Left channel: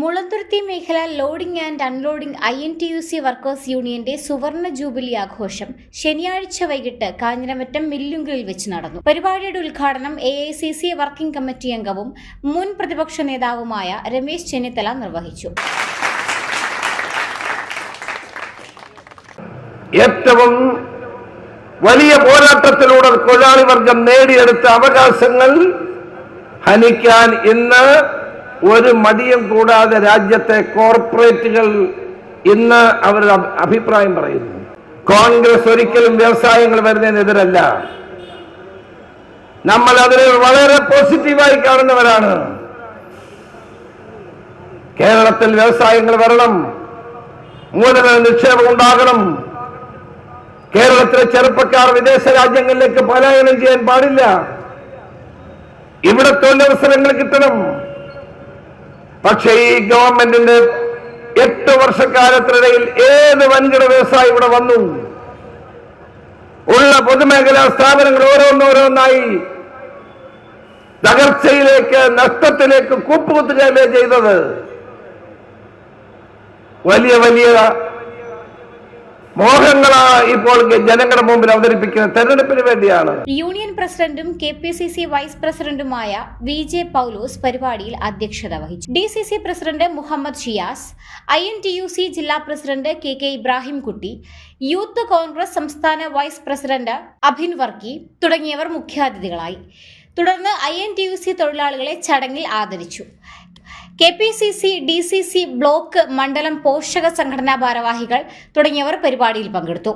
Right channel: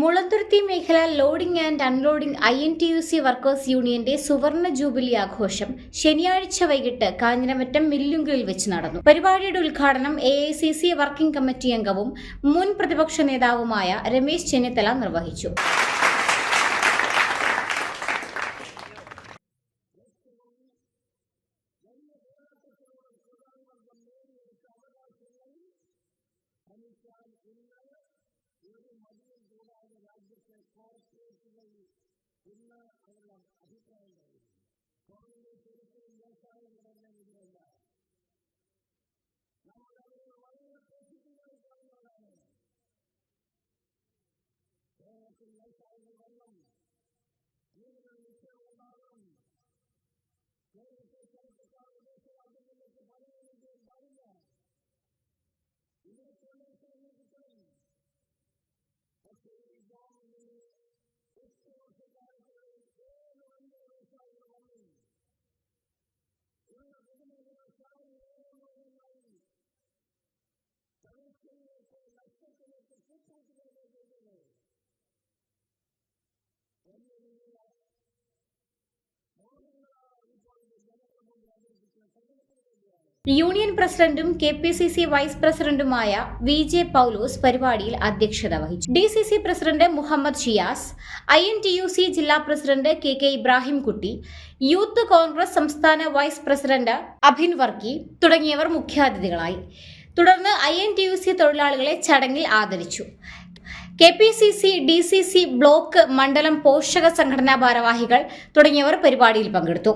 മുളന്തുരുത്തി മേഖല loading and unloading I N T U C workers യൂണിയന്റെ സുവർണ ജൂബിലി ആഘോഷം ശനിയാഴ്ച വൈകിട്ട് കാഞ്ഞിരമറ്റം മില്ലുങ്കലിൽ വെച്ച് നടന്നു. പരിപാടിയുടെ ഉദ്ഘാടനം A I C C working committee അംഗവും മുൻ പ്രതിപക്ഷ നേതാവുമായ രമേശ് ചെന്നിത്തല നിർവഹിച്ചു. ഏറ്റവും വലിയ പോരാട്ടത്തിലൂടെ തൊഴിലാളി വർഗം നേടിയെടുത്ത അവകാശങ്ങൾ ഹനിക്കാൻ ഇന്ന് ഒരു മടിയും കൂടാതെ രാജ്യത്തെ കോർപ്പറേറ്റുകൾ ഇന്ന് അവരുടെ അഭിപ്രായം പറയുന്നു. കോൺഗ്രസ് ഒരിക്കലും വ്യവസായങ്ങൾ വരുന്നതിനെതിരല്ല. നമ്മൾ അതിനെ വളരെ പോസിറ്റീവായി കാണുന്നവരാണ്. കേരളത്തിൽ വ്യവസായങ്ങൾ വരണം. മൂലധന നിക്ഷേപം ഉണ്ടാകണം. കേരളത്തിലെ ചെറുപ്പക്കാർ വിദേശ രാജ്യങ്ങളിലേക്ക് പലായനം ചെയ്യാൻ പാടില്ല. ഇവിടെ തൊഴിലവസരങ്ങൾ കിട്ടണം. പക്ഷേ ഈ ഗവൺമെന്റിന്റെ എട്ട് വർഷക്കാലത്തിനിടയിൽ ഏത് വൻകിട വ്യവസായി ഇവിടെ വന്നു? ഉള്ള പൊതുമേഖലാ സ്ഥാപനങ്ങൾ ഓരോന്നോരോന്നായി തകർച്ചയിലേക്ക് നഷ്ടത്തിലേക്ക് കൂപ്പുകുത്തുകയല്ലേ ചെയ്തത്? വലിയ വലിയ മോഹങ്ങളാ ഇപ്പോൾ ജനങ്ങളുടെ മുമ്പിൽ അവതരിപ്പിക്കുന്ന തെരഞ്ഞെടുപ്പിന് വേണ്ടിയാണ്. യൂണിയൻ പ്രസിഡന്റും K P C C vice പ്രസിഡന്റുമായ വി ജെ പൗലോസ് പരിപാടിയിൽ അധ്യക്ഷത വഹിച്ചു. D C C president Muhammad Shiyas I N T U C ജില്ലാ president K K Ibrahimkutty Youth Congress സംസ്ഥാന വൈസ് പ്രസിഡന്റ് അഭിൻ വർക്കി തുടങ്ങിയവർ മുഖ്യാതിഥികളായി. തുടർന്ന് I N T U C തൊഴിലാളികളെ ചടങ്ങിൽ ആദരിച്ചു. K P C C D C C block മണ്ഡലം പോഷക സംഘടനാ ഭാരവാഹികൾ തുടങ്ങിയവർ പരിപാടിയിൽ പങ്കെടുത്തു.